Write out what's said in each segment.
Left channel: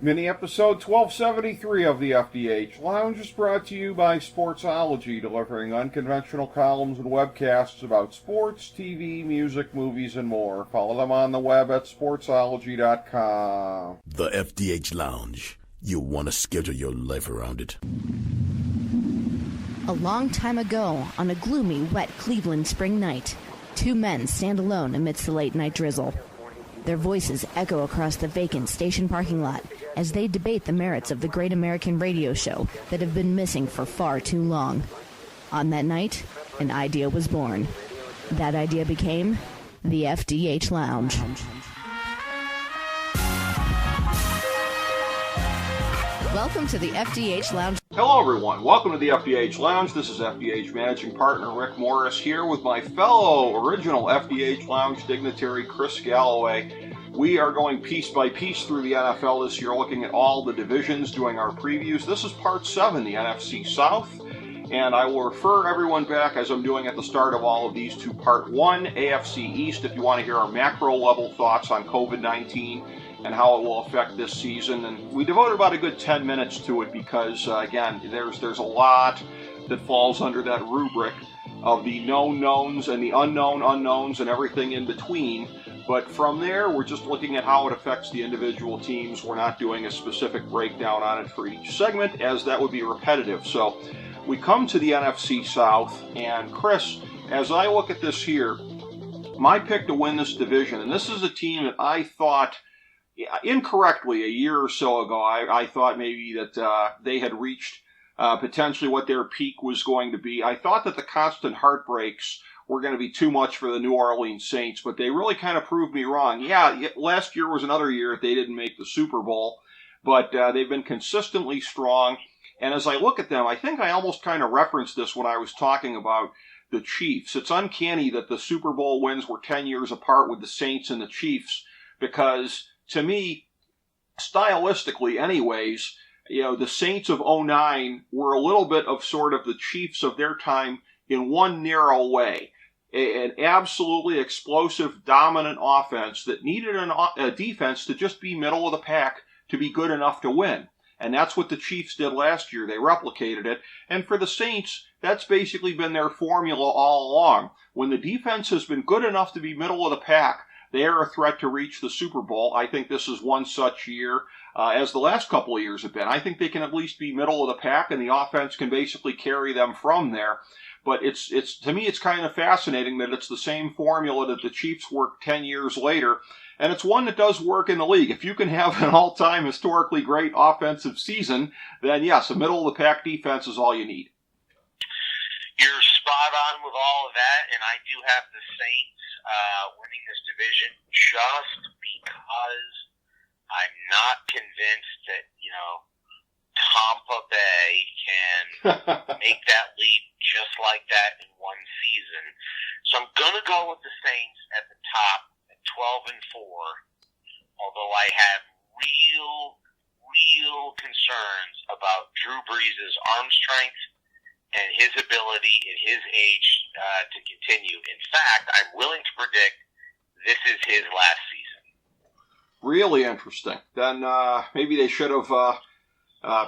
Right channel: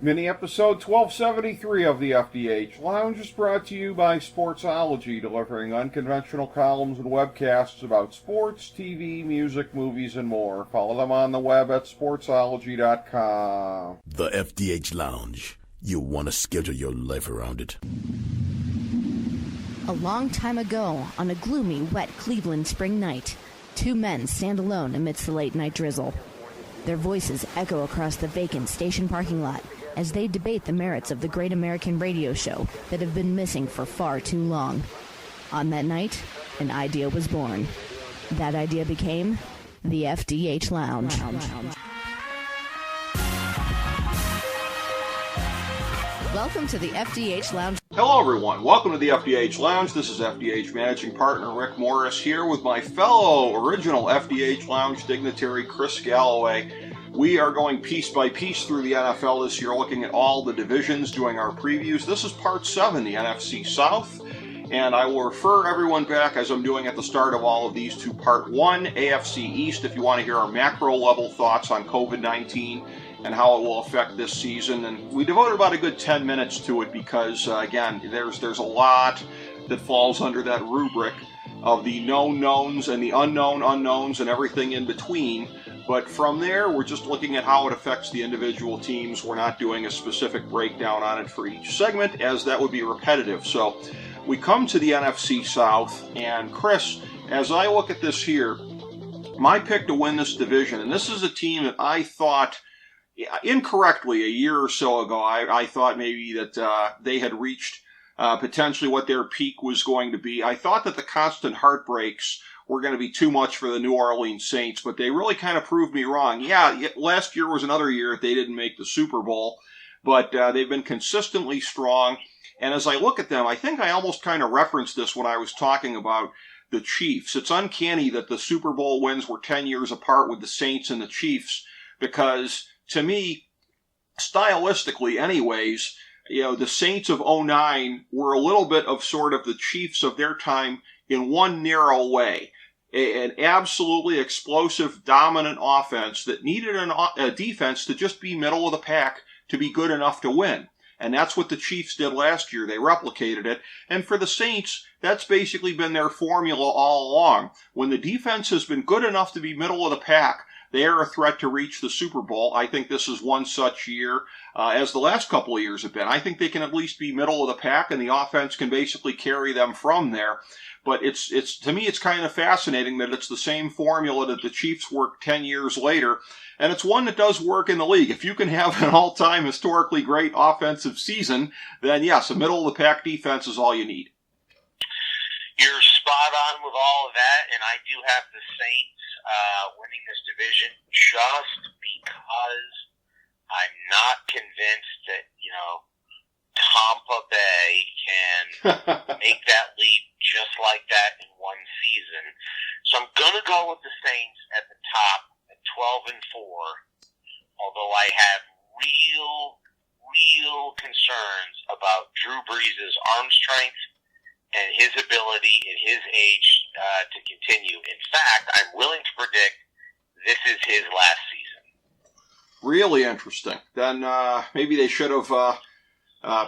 Mini episode 1273 of the FDH Lounge is brought to you by Sportsology, delivering unconventional columns and webcasts about sports, TV, music, movies, and more. Follow them on the web at sportsology.com. The FDH Lounge. You'll want to schedule your life around it. A long time ago, on a gloomy, wet Cleveland spring night, two men stand alone amidst the late-night drizzle. Their voices echo across the vacant station parking lot as they debate the merits of the great American radio show that have been missing for far too long. On that night, an idea was born. That idea became the FDH Lounge. Welcome to the FDH Lounge. Hello, everyone. Welcome to the FDH Lounge. This is FDH Managing Partner Rick Morris here with my fellow original FDH Lounge dignitary, Chris Galloway. We are going piece by piece through the NFL this year, looking at all the divisions, doing our previews. This is Part 7, the NFC South. And I will refer everyone back, as I'm doing at the start of all of these, to Part 1, AFC East, if you want to hear our macro-level thoughts on COVID-19 and how it will affect this season. And we devoted about a good 10 minutes to it because, again, there's a lot that falls under that rubric of the known knowns and the unknown unknowns and everything in between. But from there, we're just looking at how it affects the individual teams. We're not doing a specific breakdown on it for each segment, as that would be repetitive. So we come to the NFC South, and Chris, as I look at this here, my pick to win this division, and this is a team that I thought, incorrectly, a year or so ago, I thought maybe that they had reached potentially what their peak was going to be. I thought that the constant heartbreaks were going to be too much for the New Orleans Saints, but they really kind of proved me wrong. Yeah, last year was another year that they didn't make the Super Bowl, but they've been consistently strong. And as I look at them, I think I almost kind of referenced this when I was talking about the Chiefs. It's uncanny that the Super Bowl wins were 10 years apart with the Saints and the Chiefs, because to me, stylistically anyways, the Saints of '09 were a little bit of sort of the Chiefs of their time in one narrow way. An absolutely explosive, dominant offense that needed a defense to just be middle of the pack to be good enough to win. And that's what the Chiefs did last year. They replicated it. And for the Saints, that's basically been their formula all along. When the defense has been good enough to be middle of the pack, they are a threat to reach the Super Bowl. I think this is one such year, as the last couple of years have been. I think they can at least be middle of the pack, and the offense can basically carry them from there. But it's to me, it's kind of fascinating that it's the same formula that the Chiefs worked 10 years later, and it's one that does work in the league. If you can have an all-time historically great offensive season, then yes, a middle-of-the-pack defense is all you need. You're spot on with all of that, and I do have the Saints winning this division just because I'm not convinced that, Tampa Bay can make that leap just like that in one season. So I'm going to go with the Saints at the top at 12-4, although I have real concerns about Drew Brees' arm strength and his ability at his age to continue. In fact, I'm willing to predict this is his last season. Really interesting. Then maybe they should have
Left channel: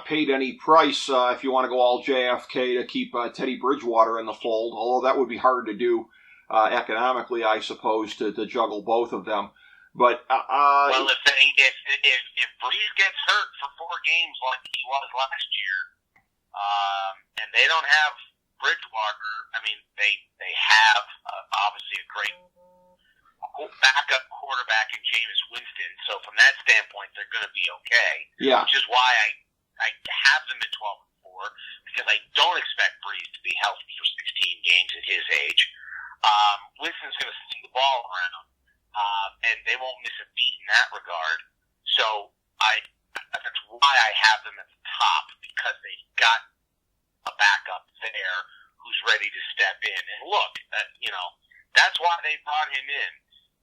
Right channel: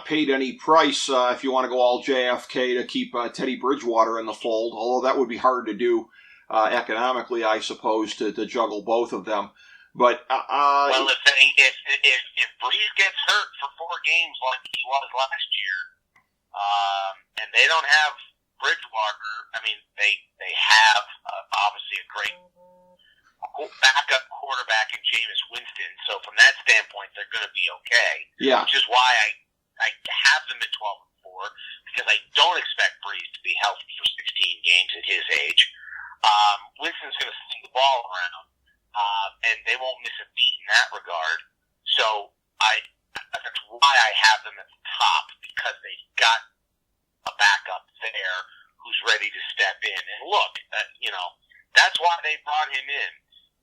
paid any price if you want to go all JFK to keep Teddy Bridgewater in the fold, although that would be hard to do economically, I suppose, to juggle both of them. But well, if Brees gets hurt for 4 games like he was last year, and they don't have Bridgewater, I mean, they have obviously a great backup quarterback in Jameis Winston. So from that standpoint, they're going to be okay. Yeah. Which is why I have them at 12-4, because I don't expect Brees to be healthy for 16 games at his age. Winston's going to sling the ball around, and they won't miss a beat in that regard. So that's why I have them at the top, because they've got a backup there who's ready to step in. And look, that's why they brought him in,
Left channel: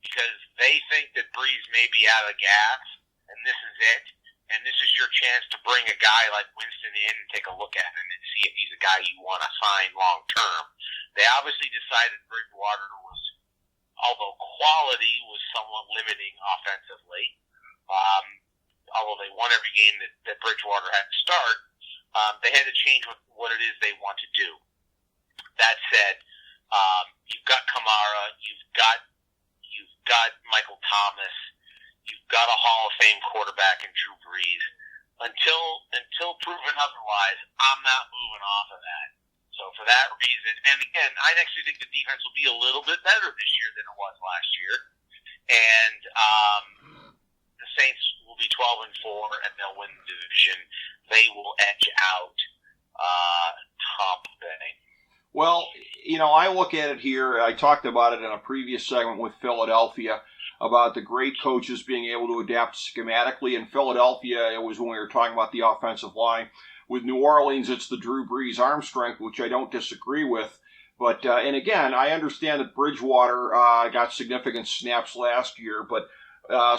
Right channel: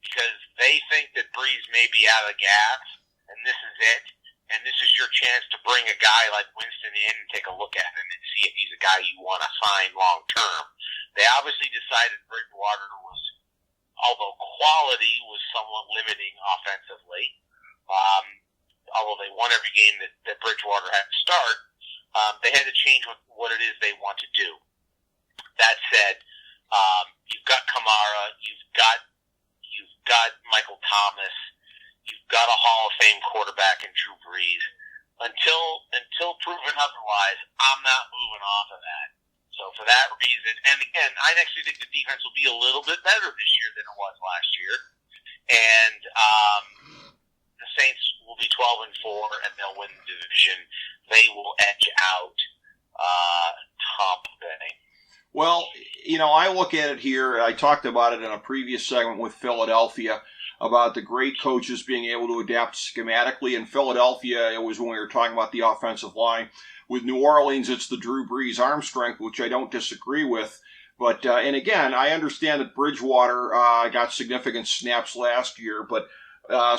because they think that Brees may be out of gas, and this is it. And this is your chance to bring a guy like Winston in and take a look at him and see if he's a guy you want to sign long term. They obviously decided Bridgewater was, although quality was somewhat limiting offensively, although they won every game that Bridgewater had to start, they had to change what it is they want to do. That said, you've got Kamara, you've got Michael Thomas, you've got a Hall of Fame quarterback in Drew Brees. Until proven otherwise, I'm not moving off of that. So for that reason, and again, I actually think the defense will be a little bit better this year than it was last year. And the Saints will be 12-4, and they'll win the division. They will edge out Tampa Bay. Well, I look at it here. I talked about it in a previous segment with Philadelphia about the great coaches being able to adapt schematically. In Philadelphia, it was when we were talking about the offensive line. With New Orleans, it's the Drew Brees arm strength, which I don't disagree with. But, and again, I understand that Bridgewater got significant snaps last year, but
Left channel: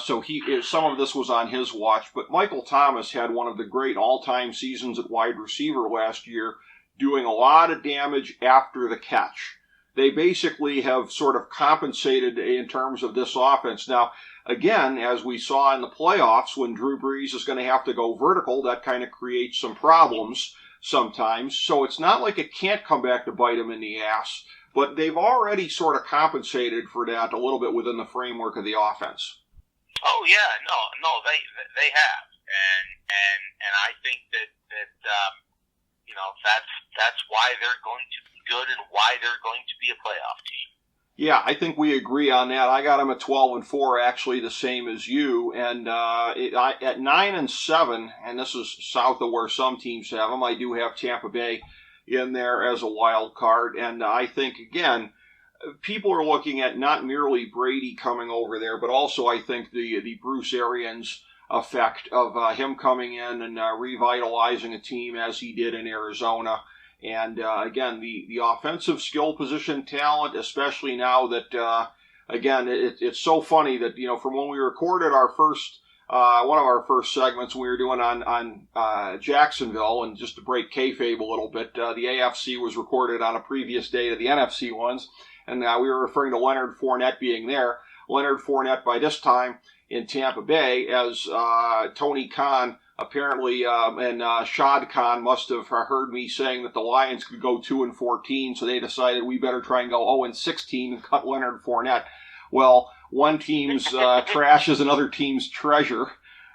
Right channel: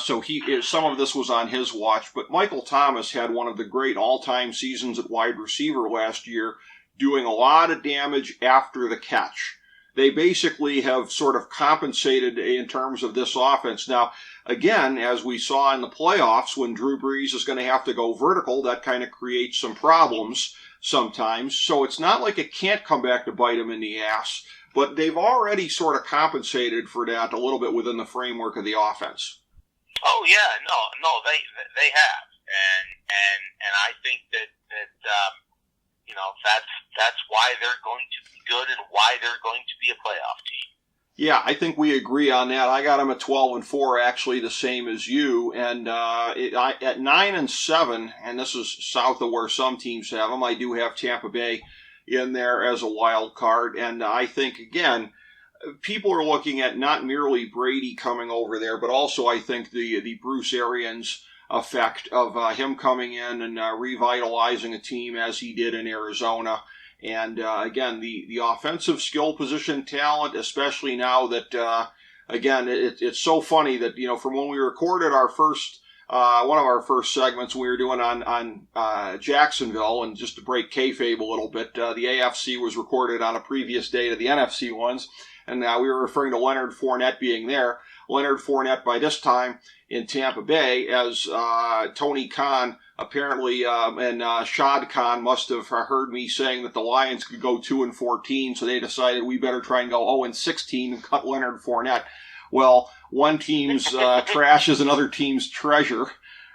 so some of this was on his watch. But Michael Thomas had one of the great all-time seasons at wide receiver last year, doing a lot of damage after the catch. They basically have sort of compensated in terms of this offense. Now, again, as we saw in the playoffs, when Drew Brees is going to have to go vertical, that kind of creates some problems sometimes. So it's not like it can't come back to bite him in the ass, but they've already sort of compensated for that a little bit within the framework of the offense. Oh yeah, no, they have, and I think that that's why they're going to be good and why they're going to be a playoff team. Yeah, I think we agree on that. I got them at 12-4, actually the same as you, and at 9-7, and this is south of where some teams have them. I do have Tampa Bay in there as a wild card, and I think again, people are looking at not merely Brady coming over there, but also I think the Bruce Arians effect of him coming in and revitalizing a team as he did in Arizona. And again, the offensive skill position talent, especially now that, again, it's so funny that, from when we recorded our first, one of our first segments we were doing on Jacksonville, and just to break kayfabe a little bit, the AFC was recorded on a previous day to the NFC ones, and we were referring to Leonard Fournette being there. Leonard Fournette by this time in Tampa Bay, as Tony Khan apparently and Shad Khan must have heard me saying that the Lions could go 2-14, so they decided we better try and go 0-16 and cut Leonard Fournette. Well, one team's trash is another team's treasure.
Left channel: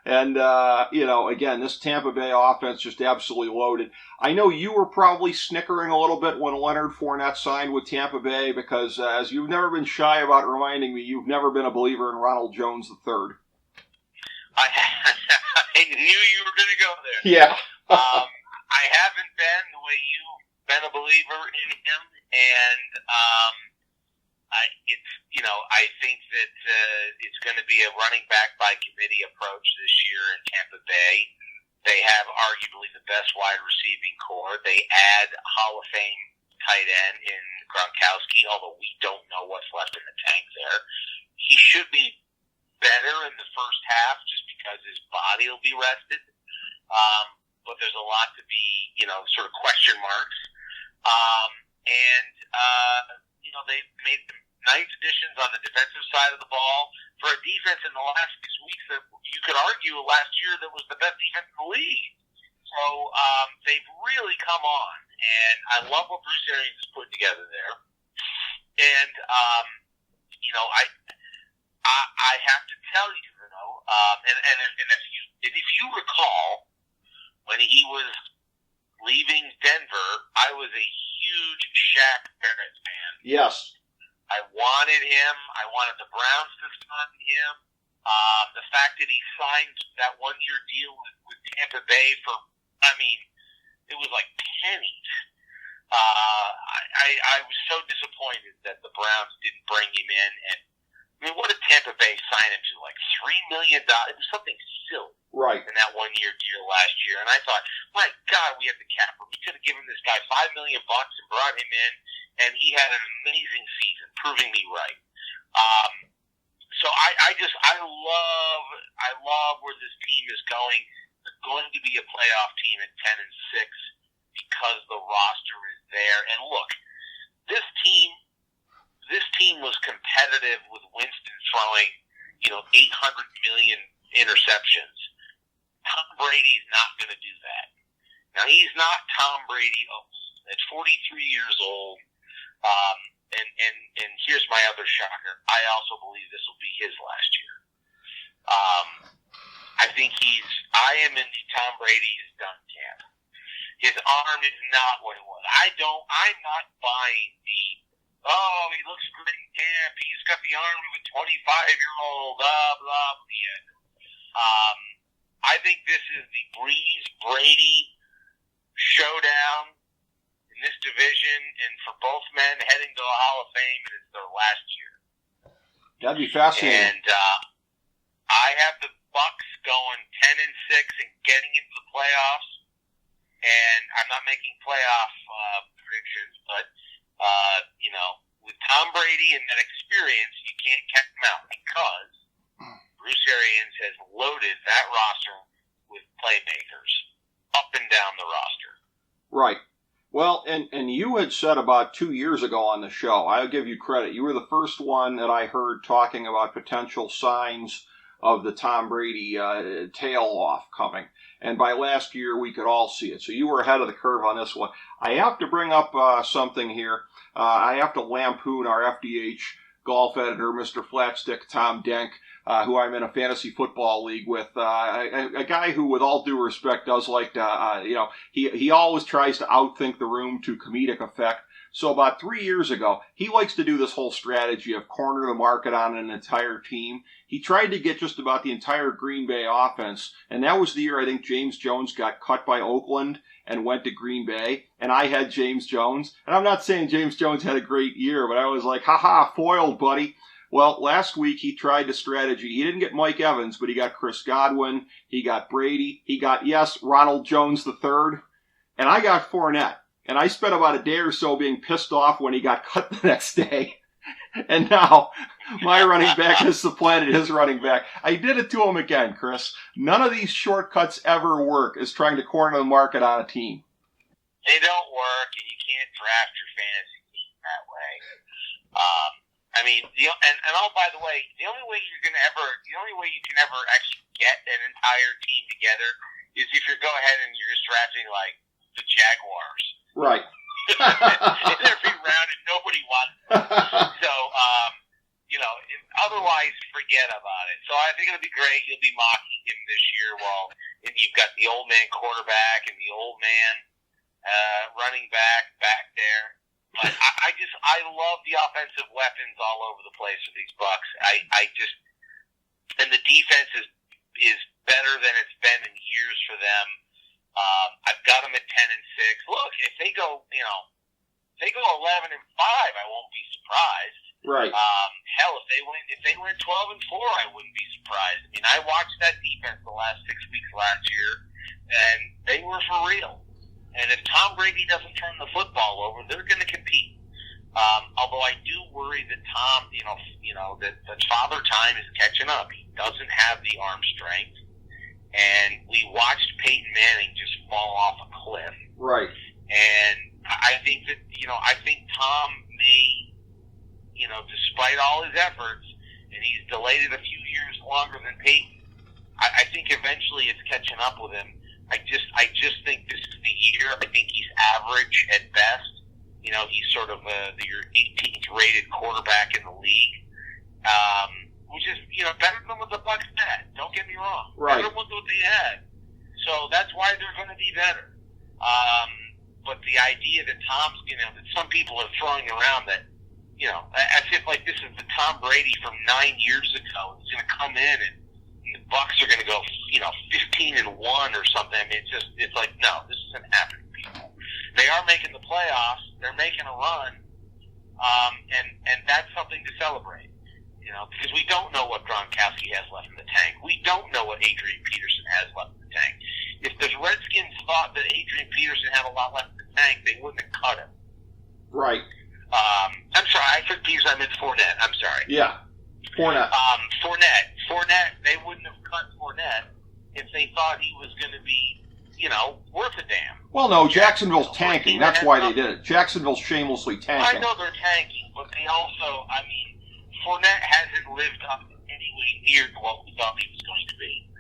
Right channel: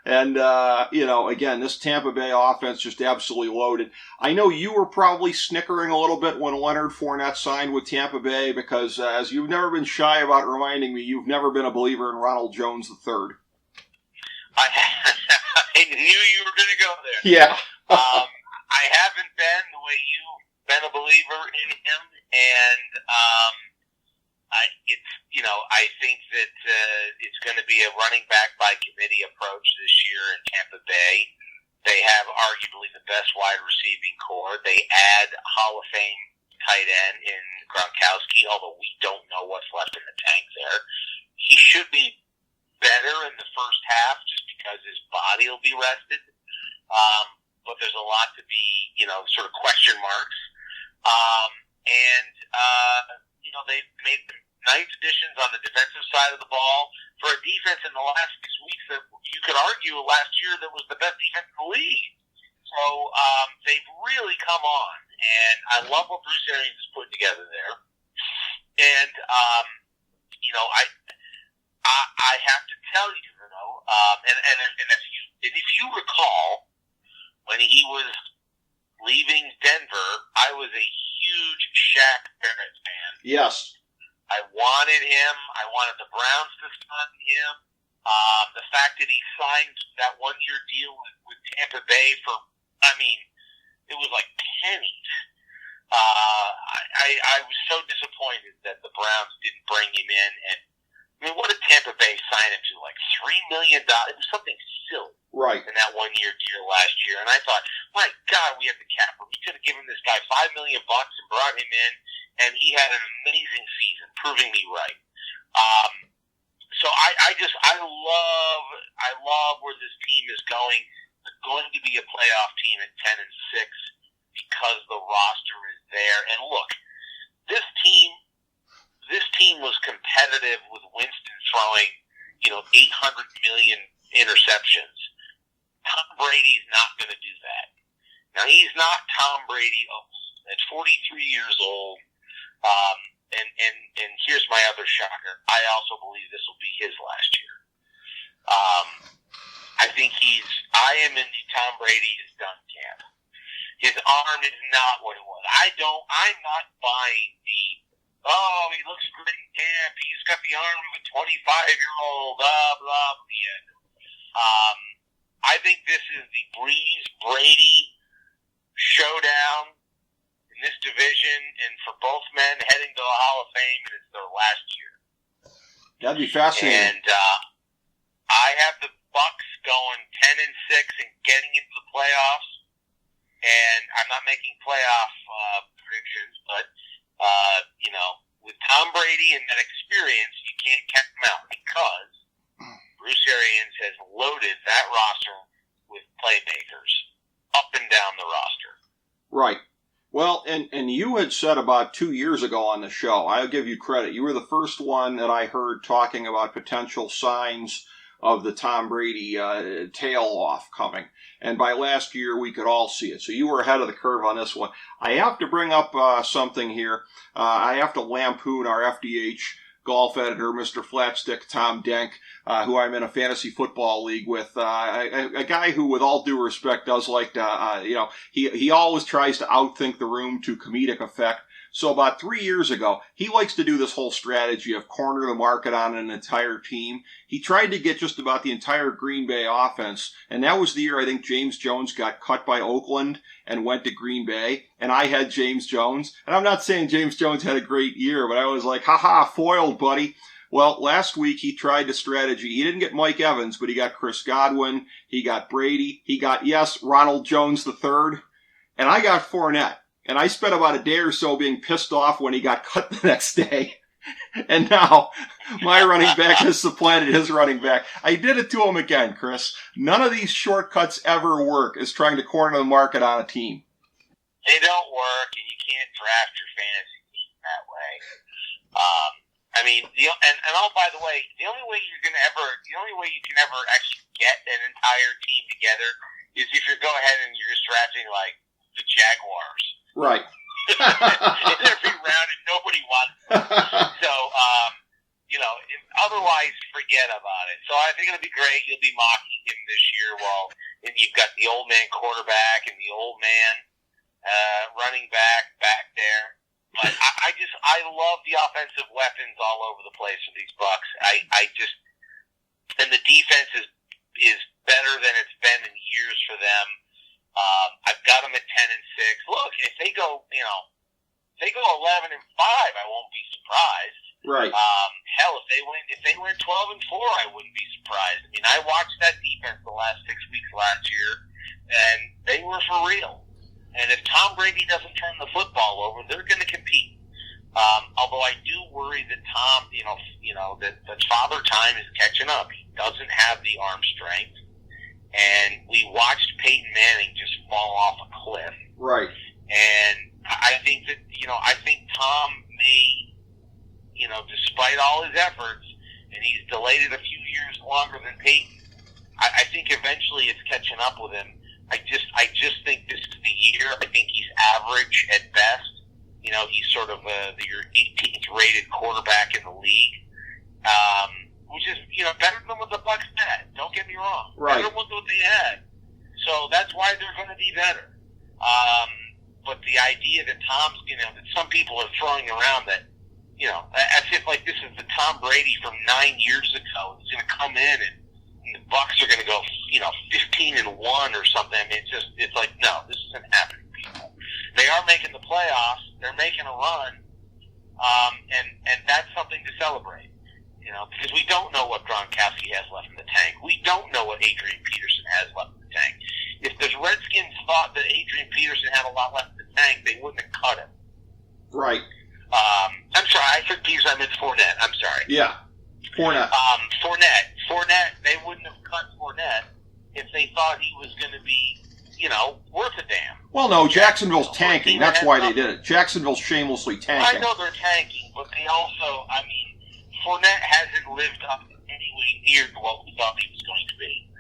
And, again, this Tampa Bay offense just absolutely loaded. I know you were probably snickering a little bit when Leonard Fournette signed with Tampa Bay because, as you've never been shy about reminding me, you've never been a believer in Ronald Jones III. I knew you were going to go there. Yeah. I haven't been the way you've been a believer in him, and I think that it's going to be a running back by committee approach this year in Tampa Bay. They have arguably the best wide receiving core. They add Hall of Fame tight end in Gronkowski, although we don't know what's left in the tank there. He should be better in the first half just because his body will be rested. But there's a lot to be, sort of question marks. They've made nice additions on the defensive side of the ball for a defense in the last 6 weeks that you could argue last year that was the best defense in the league. So they've really come on, and I love what Bruce Arians has put together there. And I have to tell you, and if you recall, when he was leaving Denver, I was a huge Shaq Barrett fan. Yes. I wanted him. I wanted the Browns to sign him. The fact that he signed that one-year deal with Tampa Bay for, it was like pennies. I was so disappointed that the Browns didn't bring him in. And what did Tampa Bay sign him to? Like $3 million? It was something silly. Right. In that one-year deal last year. And I thought, my God, we have the cap. We could have given this guy $5 million and brought him in, and he had an amazing season, proving me right. So I love where this team is going. They're going to be a playoff team at 10-6 because the roster is there. And look, this team was competitive with Winston throwing, 800 million interceptions. Tom Brady's not going to do that. Now, he's not Tom Brady at 43 years old. And here's my other shocker. I also believe this will be his last year. I am in the Tom Brady is done camp. His arm is not what it was. I'm not buying he looks great in camp. He's got the arm of a 25-year-old, blah, blah, blah. I think this is the Breeze-Brady showdown in this division, and for both men heading to the Hall of Fame, and it's their last year. That'd be fascinating. And I have the Bucks going 10-6 and getting into the playoffs. And I'm not making playoff predictions, but with Tom Brady and that experience, you can't count him out because Bruce Arians has loaded that roster with playmakers up and down the roster. Right. Well, and you had said about 2 years ago on the show, I'll give you credit, you were the first one that I heard talking about potential signs of the Tom Brady tail off coming. And by last year, we could all see it. So you were ahead of the curve on this one. I have to bring up something here. I have to lampoon our FDH golf editor, Mr. Flatstick Tom Denk, who I'm in a fantasy football league with. A guy who, with all due respect, does like to, he always tries to outthink the room to comedic effect. So about 3 years ago, he likes to do this whole strategy of corner the market on an entire team. He tried to get just about the entire Green Bay offense, and that was the year I think James Jones got cut by Oakland and went to Green Bay, and I had James Jones. And I'm not saying James Jones had a great year, but I was like, haha, foiled, buddy. Well, last week he tried the strategy. He didn't get Mike Evans, but he got Chris Godwin, he got Brady, he got, Ronald Jones III, and I got Fournette. And I spent about a day or so being pissed off when he got cut the next day. And now my running back has supplanted his running back. I did it to him again, Chris. None of these shortcuts ever work as trying to corner the market on a team. They don't work, and you can't draft your fantasy team that way. By the way, the only way you can ever actually get an entire team together is if you go ahead and you're just drafting like the Jaguars. Right. In every round, and nobody wants it. So, otherwise, forget about it. So I think it'll be great. You'll be mocking him this year and you've got the old man quarterback and the old man running back there. But I love the offensive weapons all over the place for these Bucks. And the defense is better than it's been in years for them. I've got them at 10-6. Look, if they go 11-5, I won't be surprised. Right. Hell, if they win 12-4, I wouldn't be surprised. I mean, I watched that defense the last 6 weeks last year, and they were for real. And if Tom Brady doesn't turn the football over, they're going to compete. Although I do worry that Tom, that Father Time is catching up. He doesn't have the arm strength. And we watched Peyton Manning just fall off a cliff. Right. And I think that, I think Tom may, despite all his efforts, and he's delayed it a few years longer than Peyton, I think eventually it's catching up with him. I just think this is the year. I think he's average at best. He's sort of your 18th rated quarterback in the league. Which is, better than what the Bucs had. Don't get me wrong. Right. Better than what they had. So that's why they're going to be better. But the idea that Tom's, that some people are throwing around that, as if like this is the Tom Brady from 9 years ago. He's going to come in and the Bucs are going to go, 15-1 or something. I mean, it's like, no, this isn't happening, people. They are making the playoffs. They're making a run. And that's something to celebrate. Because we don't know what Gronkowski has left in the tank. We don't know what Adrian Peterson has left in the tank. If the Redskins thought that Adrian Peterson had a lot left in the tank, they wouldn't have cut him. Right. I'm sorry, I said Peterson, I meant Fournette. I'm sorry. Yeah, Fournette. Fournette, they wouldn't have cut Fournette if they thought he was going to be, worth a damn. Well, no, Jacksonville's tanking. That's why they did it. Jacksonville's shamelessly tanking. I know they're tanking, but they also, Fournette hasn't lived up anywhere near what we thought he was going to be.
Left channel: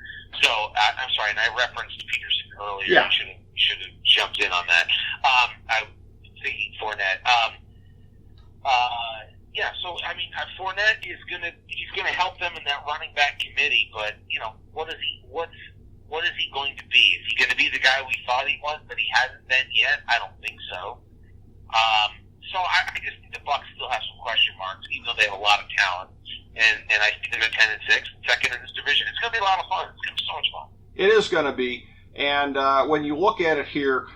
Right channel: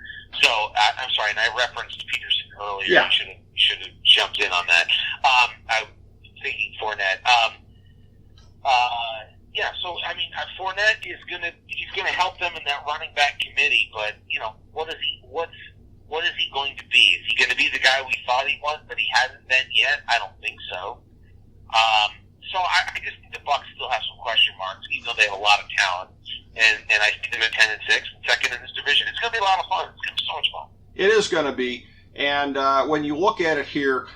So I'm sorry, and I referenced Peterson earlier. Yeah. You should have jumped in on that. I was thinking Fournette. Yeah. So I mean, Fournette he's gonna help them in that running back committee. But what is he going to be? Is he going to be the guy we thought he was, but he hasn't been yet? I don't think so. So I just think the Bucs still have some question marks, even though they have a lot of talent. And I see them at 10-6, second in this division. It's going to be a lot of fun. It's going to be so much fun. It is going to be. And when you look at it here,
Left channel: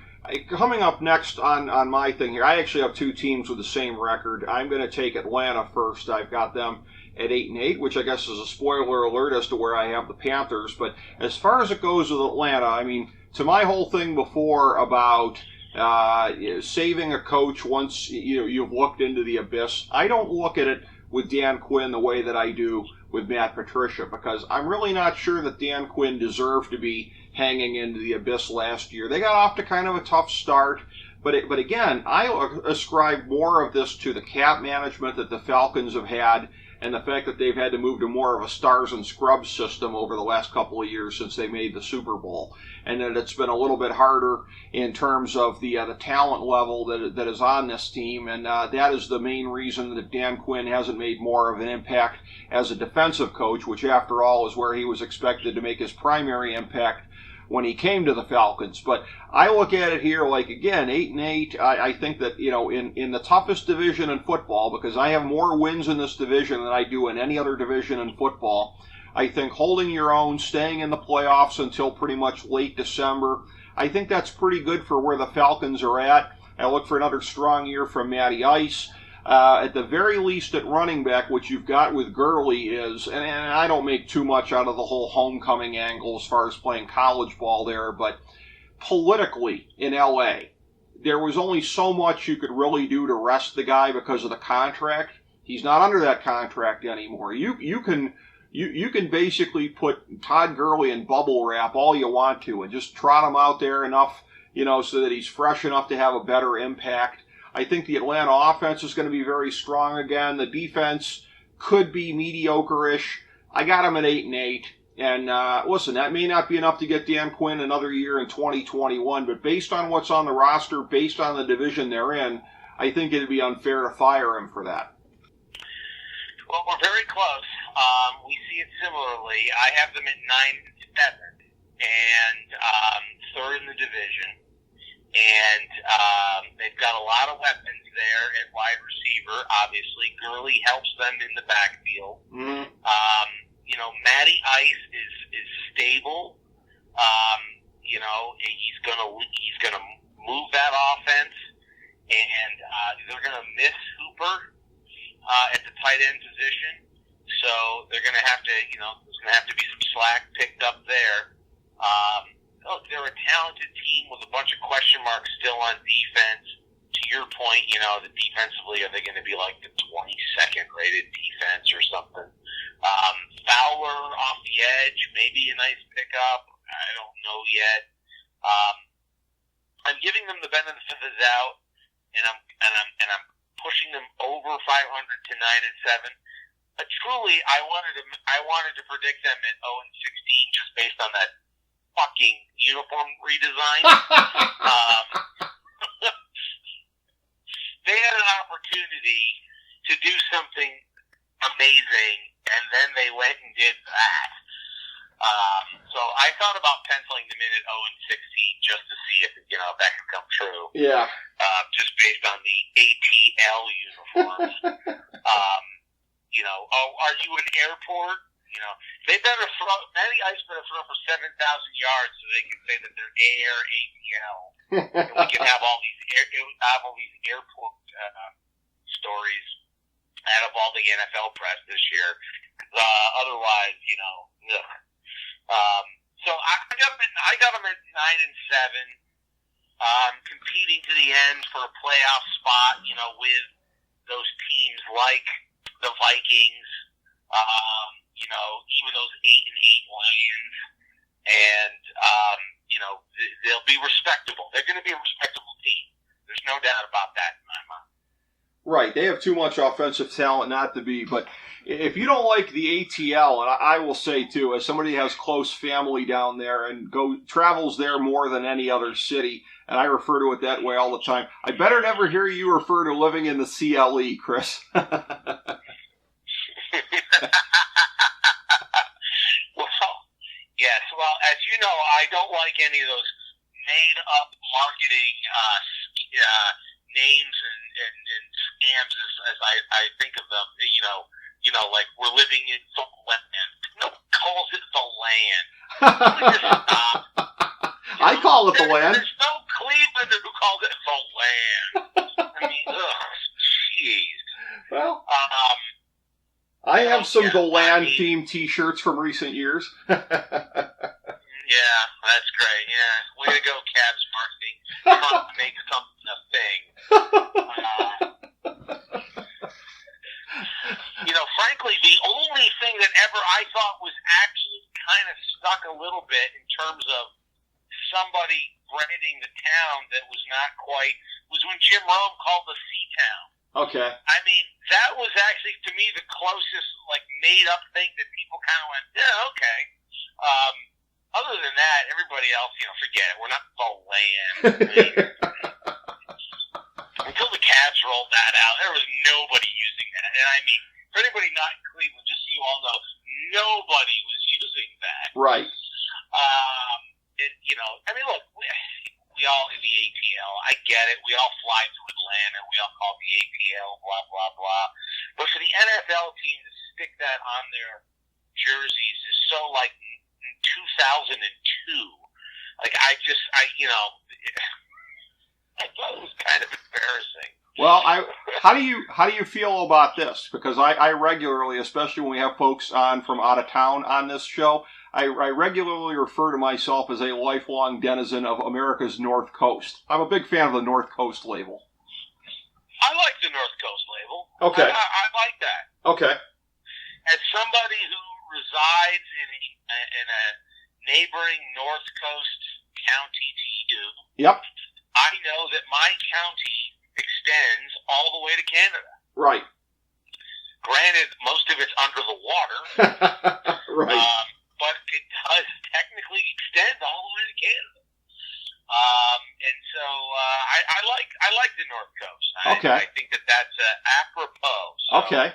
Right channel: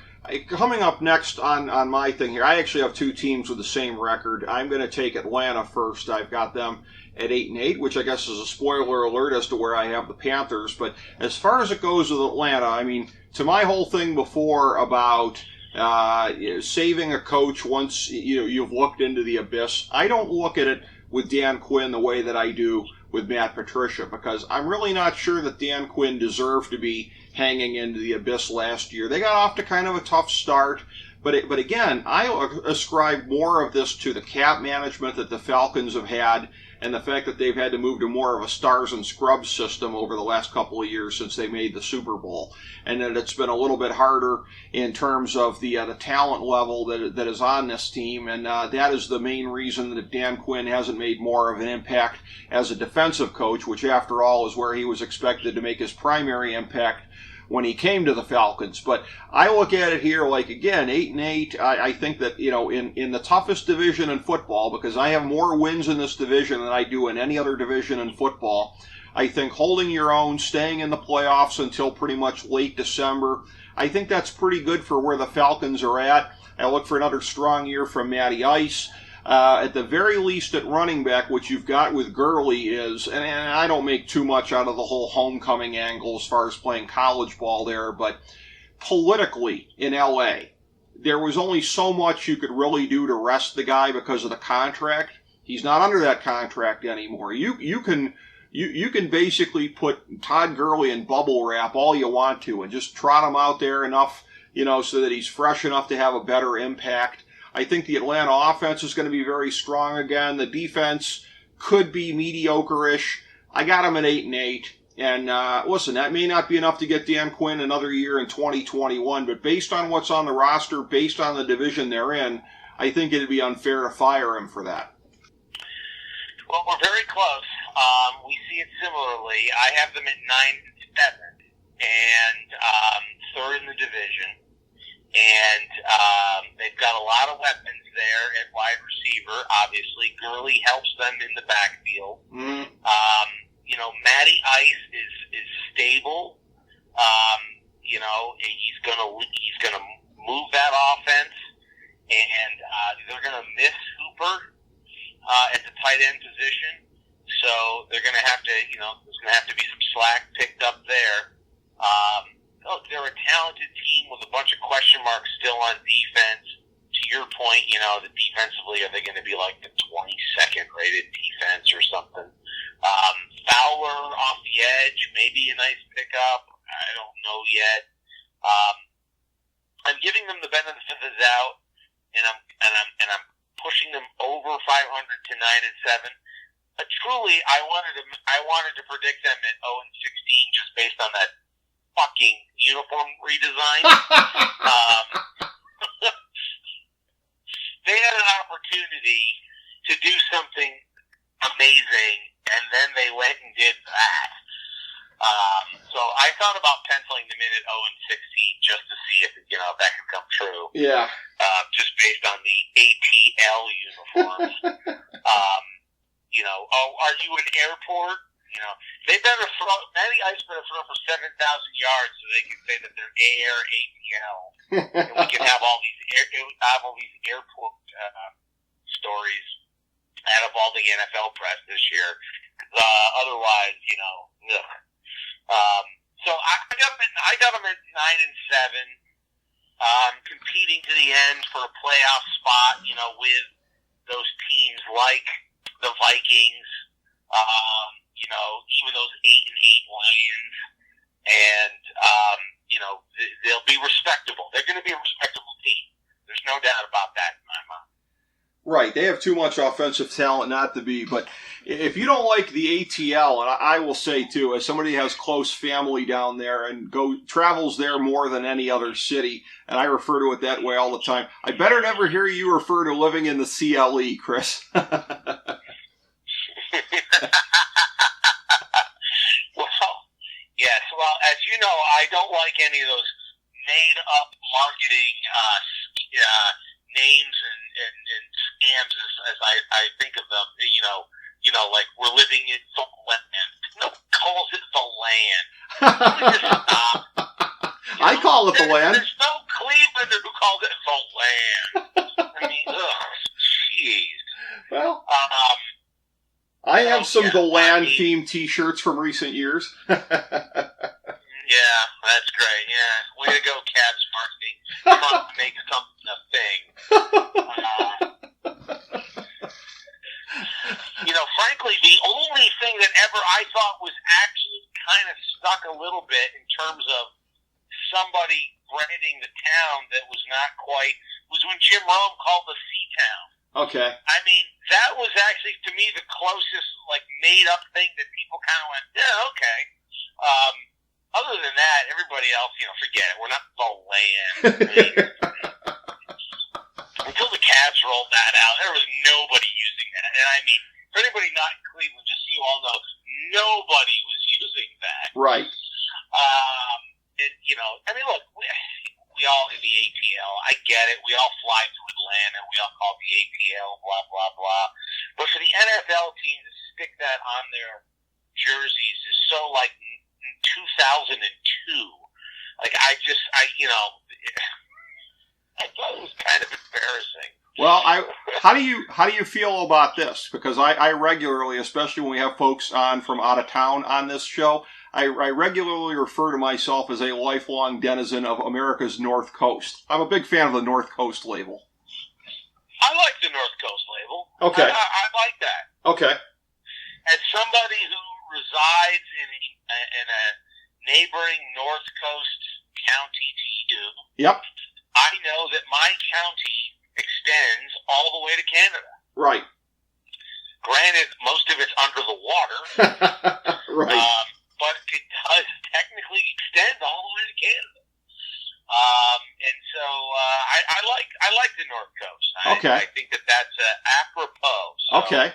coming up next on my thing here, I actually have two teams with the same record. I'm going to take Atlanta first. I've got them at 8-8, which I guess is a spoiler alert as to where I have the Panthers. But as far as it goes with Atlanta, I mean, to my whole thing before about saving a coach once you've looked into the abyss, I don't look at it with Dan Quinn the way that I do with Matt Patricia, because I'm really not sure that Dan Quinn deserved to be hanging into the abyss last year. They got off to kind of a tough start, but again, I ascribe more of this to the cap management that the Falcons have had, and the fact that they've had to move to more of a stars and scrubs system over the last couple of years since they made the Super Bowl, and that it's been a little bit harder in terms of the talent level that is on this team, and that is the main reason that Dan Quinn hasn't made more of an impact as a defensive coach, which after all is where he was expected to make his primary impact when he came to the Falcons. But I look at it here like, again, 8-8. I think that, in the toughest division in football, because I have more wins in this division than I do in any other division in football, I think holding your own, staying in the playoffs until pretty much late December, I think that's pretty good for where the Falcons are at. I look for another strong year from Matty Ice. At the very least at running back, what you've got with Gurley is, and I don't make too much out of the whole homecoming angle as far as playing college ball there, but politically in L.A., there was only so much you could really do to rest the guy because of the contract. He's not under that contract anymore. You can basically put Todd Gurley in bubble wrap all you want to and just trot him out there enough, so that he's fresh enough to have a better impact. I think the Atlanta offense is going to be very strong again. The defense could be mediocre-ish. I got them at 8-8. And listen, that may not be enough to get Dan Quinn another year in 2021, but based on what's on the roster, based on the division they're in, I think it'd be unfair to fire him for that. Well, we're very close. We see it similarly. I have them at 9-7 and third in the division. And they've got a lot of weapons there at wide receiver. Obviously, Gurley helps them in the backfield. Mm-hmm. Matty Ice is stable. He's gonna move that offense, and they're gonna miss Hooper at the tight end position. So they're gonna have to, there's gonna have to be some slack picked up there. They're a talented team with a bunch of question marks still on defense. To your point, defensively, are they going to be like the 22nd rated defense or something? Fowler off the edge, maybe a nice pickup. I don't know yet. I'm giving them the benefit of the doubt, and I'm pushing them over 500 to 9-7. But truly, I wanted to predict them at 0-16 just based on that fucking uniform redesign. They had an opportunity to do something amazing, and then they went and did that. So I thought about penciling them in at 0-16 just to see if that could come true. Yeah. Just based on the ATL uniforms. Are you an airport? They better throw. Matty Ice better throw for 7,000 yards so they can say that they're air ATL, and we can have all these airport stories out of all the NFL press this year. Otherwise, ugh. So I got them at 9-7, competing to the end for a playoff spot. With those teams like the Vikings. Even those 8-8 Lions, and they'll be respectable. They're going to be a respectable team. There's no doubt about that in my mind. Right, they have too much offensive talent not to be. But if you don't like the ATL, and I will say too, as somebody who has close family down there and travels there more than any other city, and I refer to it that way all the time, I better never hear you refer to living in the CLE, Chris. Yes, well, as you know, I don't like any of those made-up marketing names and scams as I think of them. You know, like we're living in the land. No one calls it the land. Just stop. I call it the land. There's no Clevelander who calls it the land. I mean, jeez. Well, I have some The Land-themed T-shirts from recent years. Yeah, that's great. Yeah, way to go, Cavs marketing. Trying to make something a thing. Frankly, the only thing that ever I thought was actually kind of stuck a little bit in terms of somebody branding the town that was not quite was when Jim Rome called the C-Town. Okay. I mean, that was actually, to me, the closest, made-up thing that people kind of went, yeah, okay. Other than that, everybody else, forget it. We're not the land. I mean, until the Cavs rolled that out, there was nobody using that. And I mean, for anybody not in Cleveland, just so you all know, nobody was using that. Right. Look, we all in the ATL. I get it. We all fly to Atlanta. We all call the ATL, blah, blah, blah. But for the NFL team to stick that on their jerseys is so 2002. I thought it was kind of embarrassing. Well, how do you feel about this? Because I regularly, especially when we have folks on from out of town on this show, I regularly refer to myself as a lifelong denizen of America's North Coast. I'm a big fan of the North Coast label. I like the North Coast label. Okay. I like that. Okay. As somebody who resides in a neighboring North Coast county to you, yep, I know that my county extends all the way to Canada. Right. Granted, most of it's under the water. Right. But it does technically extend all the way to Canada. And so I like the North Coast. Okay. I think that's apropos. So, okay.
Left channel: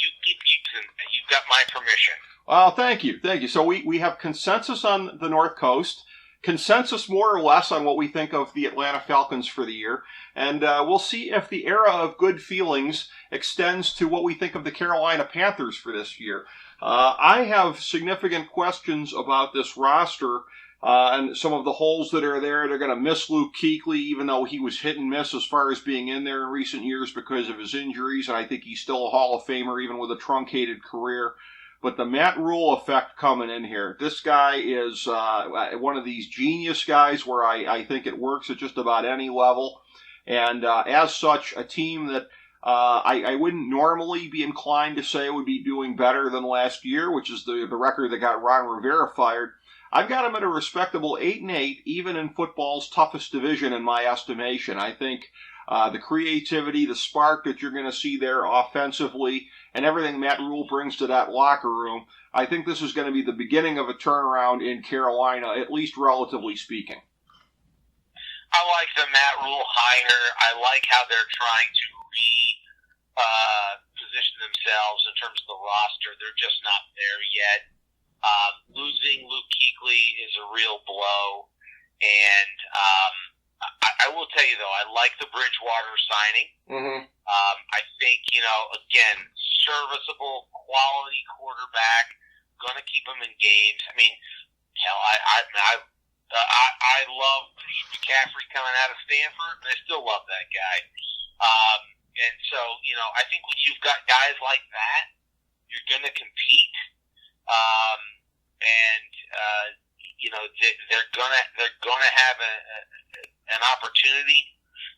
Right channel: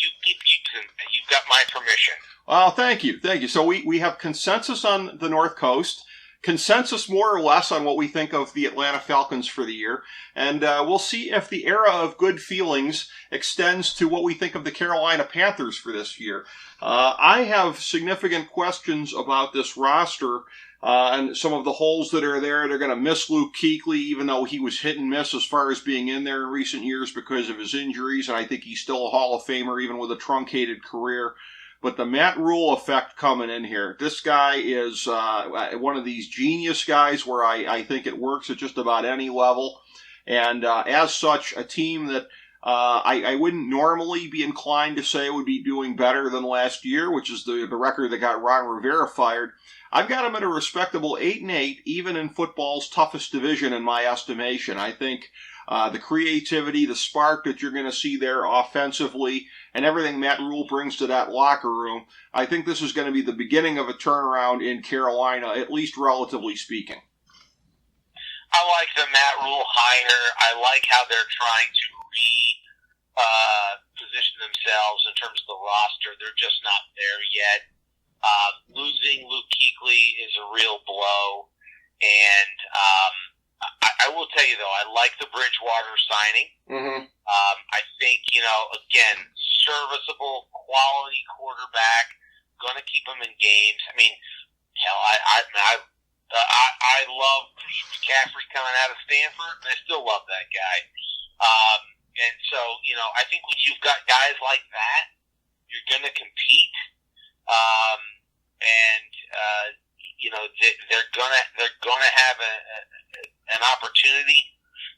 You keep using it. You've got my permission. Well, thank you. So we have consensus on the North Coast, consensus more or less on what we think of the Atlanta Falcons for the year, and we'll see if the era of good feelings extends to what we think of the Carolina Panthers for this year. I have significant questions about this roster and some of the holes that are there. They're going to miss Luke Kuechly, even though he was hit and miss as far as being in there in recent years because of his injuries, and I think he's still a Hall of Famer even with a truncated career. But the Matt Rule effect coming in here. This guy is one of these genius guys where I think it works at just about any level. And as such, a team that I wouldn't normally be inclined to say would be doing better than last year, which is the record that got Ron Rivera fired. I've got them at a respectable 8-8, even in football's toughest division in my estimation. I think the creativity, the spark that you're going to see there offensively, and everything Matt Rule brings to that locker room, I think this is going to be the beginning of a turnaround in Carolina, at least relatively speaking. I like the Matt Rule hire. I like how they're trying to position themselves in terms of the roster. They're just not there yet. Losing Luke Kuechly is a real blow. And I will tell you, though, I like the Bridgewater signing. Mm-hmm. I think, again, serviceable, quality quarterback, going to keep him in games. I mean, hell, I love McCaffrey coming out of Stanford, and I still love that guy. And so, I think when you've got guys like that, you're going to compete. They're gonna have an opportunity.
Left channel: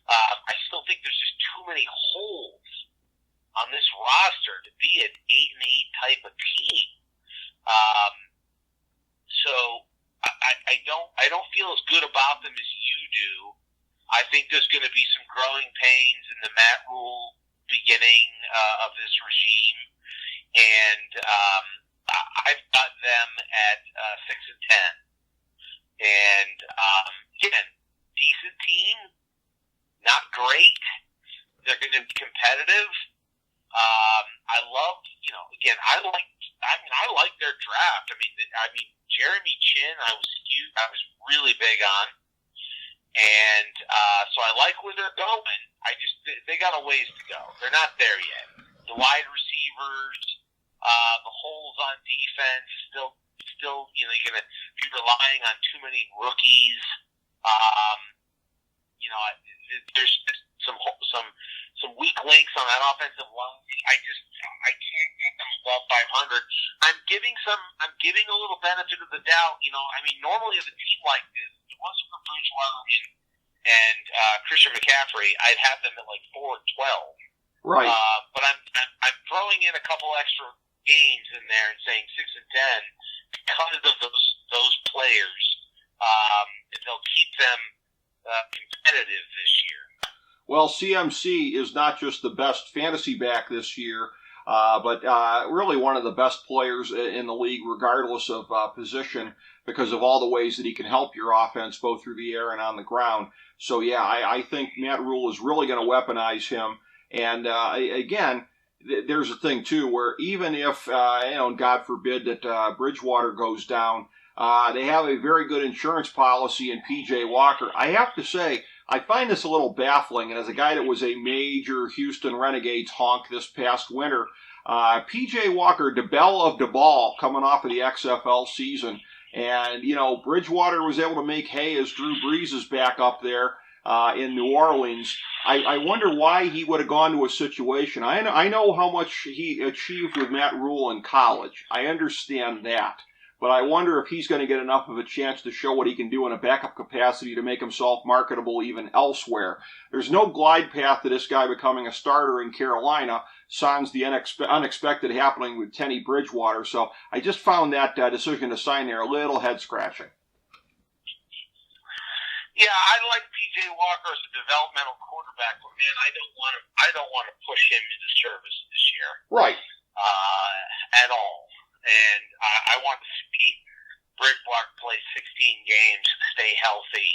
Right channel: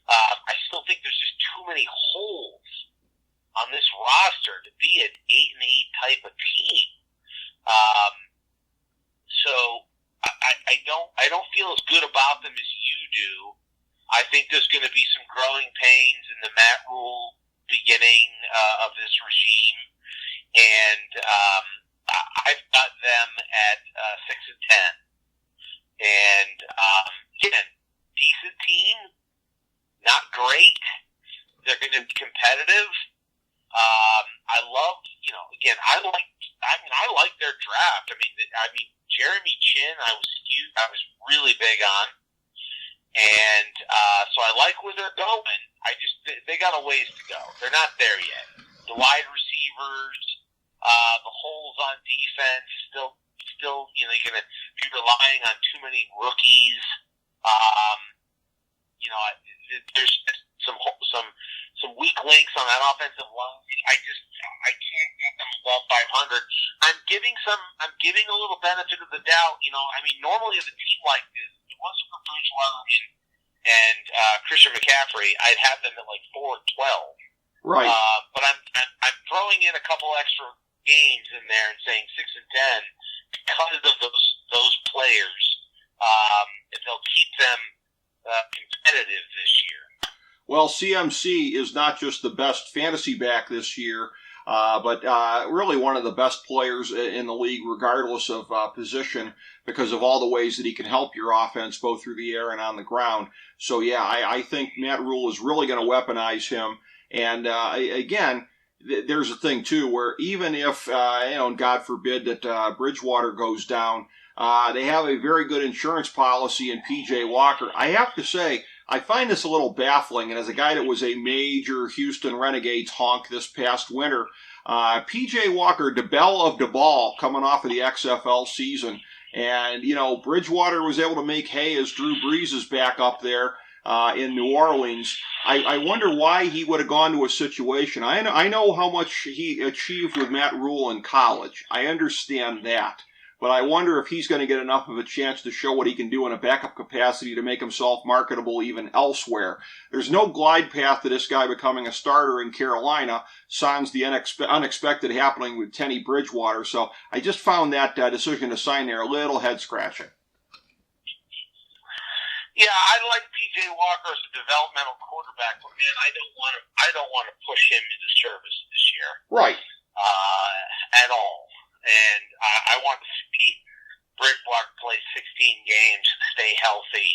I still think there's just too many holes on this roster to be an 8-8 type of team. So I don't feel as good about them as you do. I think there's going to be some growing pains in the Matt Rule beginning of this regime, and I've got them at 6-10. And again, decent team, not great. They're going to be competitive. I love, I like their draft. I mean, Jeremy Chin, I was really big on, and so I like where they're going. They got a ways to go. They're not there yet. The wide receivers, the holes on defense, still, you're going to be relying on too many rookies. There's some weak links on that offensive line. I can't get them above 500. I'm giving a little benefit of the doubt. Normally with a team like this, if it wasn't for Bridgewater and Christian McCaffrey, I'd have them at like 4-12. Right. But I'm throwing in a couple extra games in there and saying 6-10 because of those players. They'll keep them competitive this year. Well, CMC is not just the best fantasy back this year, but really one of the best players in the league, regardless of position, because of all the ways that he can help your offense both through the air and on the ground. So, yeah, I think Matt Rule is really going to weaponize him. And, again, there's a thing, too, where even if, God forbid that Bridgewater goes down, they have a very good insurance policy in P.J. Walker. I have to say, I find this a little baffling, and as a guy that was a major Houston Renegades honk this past winter, P.J. Walker, the belle of the ball, coming off of the XFL season, and, Bridgewater was able to make hay as Drew Brees is back up there in New Orleans. I wonder why he would have gone to a situation. I know how much he achieved with Matt Rule in college. I understand that. But I wonder if he's going to get enough of a chance to show what he can do in a backup capacity to make himself marketable even elsewhere. There's no glide path to this guy becoming a starter in Carolina, sans the unexpected happening with Teddy Bridgewater. So I just found that decision to sign there a little head-scratching. Yeah, I like P.J. Walker as a developmental quarterback, but man, I don't want to push him into service this year. Right. At all. And I want to see Bridgewater play 16 games, stay healthy,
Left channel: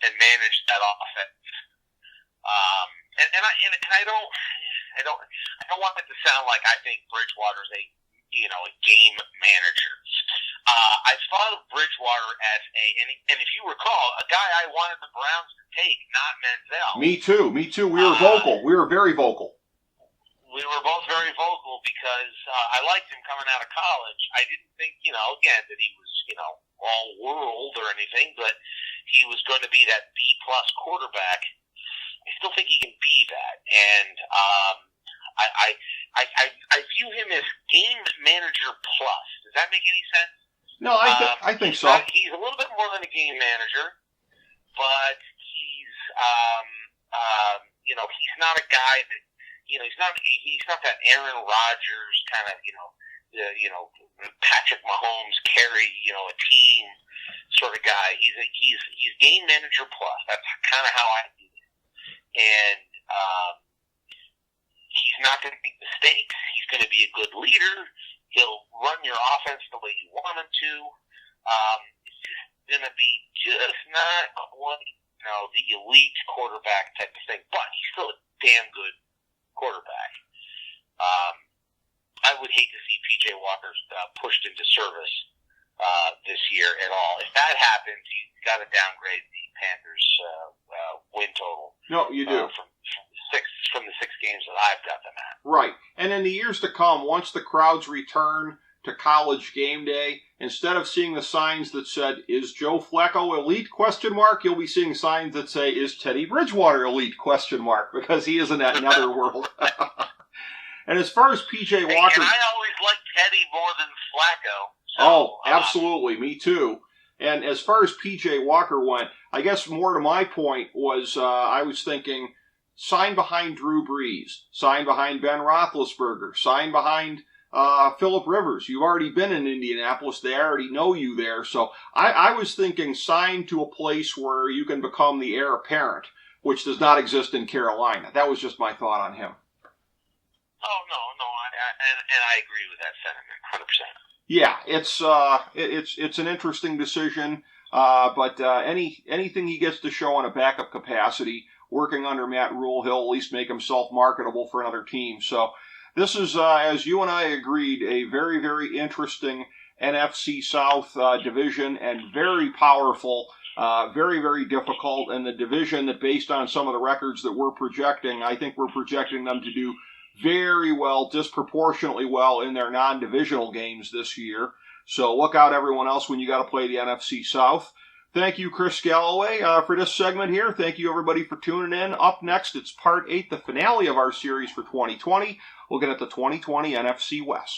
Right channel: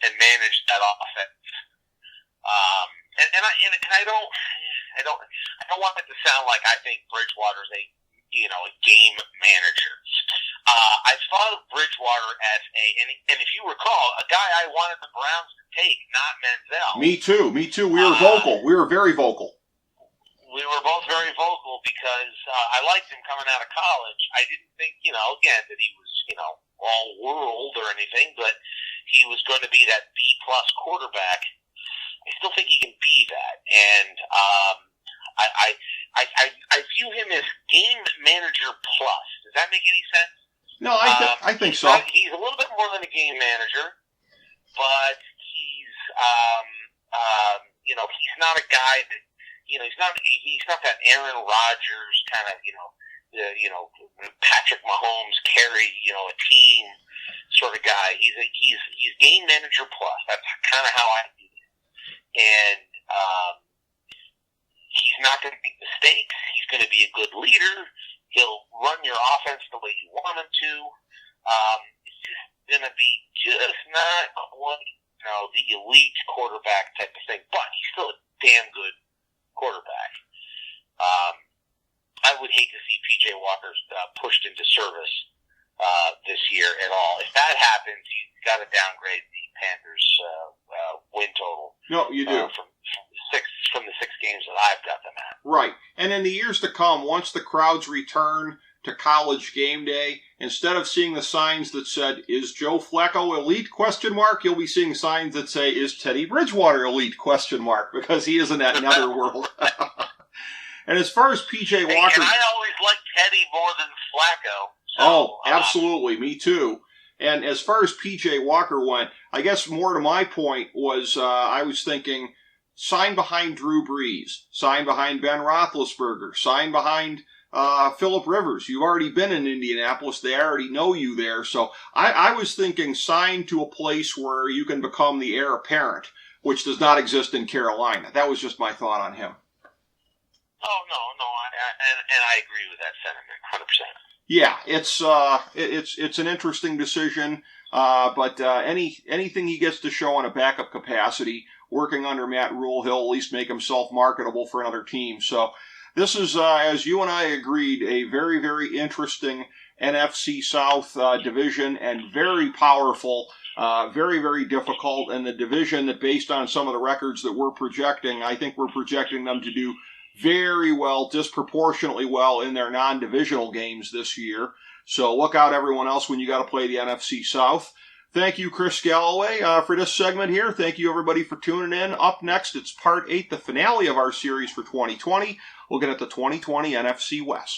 and manage that offense. I don't want it to sound like I think Bridgewater's a game manager. I thought of Bridgewater as and if you recall, a guy I wanted the Browns to take, not Menzel. Me too. We were vocal. We were very vocal. We were both very vocal because I liked him coming out of college. I didn't think, again, that he was, all world or anything, but he was going to be that B-plus quarterback. I still think he can be that. And I view him as game manager plus. Does that make any sense? No, I think so. He's a little bit more than a game manager, but he's he's not a guy that, he's not that Aaron Rodgers kind of, Patrick Mahomes carry, a team sort of guy. He's game manager plus. That's kind of how I do it. And he's not going to make mistakes. He's going to be a good leader. He'll run your offense the way you want him to. It's just going to be just not quite, the elite quarterback type of thing, but he's still a damn good quarterback. I would hate to see P.J. Walker pushed into service this year at all. If that happens, you've got to downgrade the Panthers' win total. No, you do. From the 6 games that I've got them at. Right. And in the years to come, once the crowds return to college game day, instead of seeing the signs that said, "Is Joe Flacco elite?" ? You'll be seeing signs that say, "Is Teddy Bridgewater elite?" ? Because he is in that netherworld. And as far as P.J. Walker... And I always liked Teddy more than Flacco. So, absolutely. Me too. And as far as P.J. Walker went, I guess more to my point was I was thinking, sign behind Drew Brees, sign behind Ben Roethlisberger, sign behind Phillip Rivers. You've already been in Indianapolis. They already know you there. So I was thinking sign to a place where you can become the heir apparent, which does not exist in Carolina. That was just my thought on him. Oh no, and I agree with that sentiment, 100%. Yeah, it's an interesting decision, but anything he gets to show in a backup capacity, working under Matt Rule, he'll at least make himself marketable for another team. So this is, as you and I agreed, a very, very interesting NFC South division, and very powerful, very, very difficult, and the division that, based on some of the records that we're projecting, I think we're projecting them to do very well, disproportionately well in their non-divisional games this year. So look out, everyone else, when you got to play the NFC South. Thank you, Chris Galloway, for this segment here. Thank you, everybody, for tuning in. Up next, it's Part 8, the finale of our series for 2020. We'll get at the 2020 NFC West.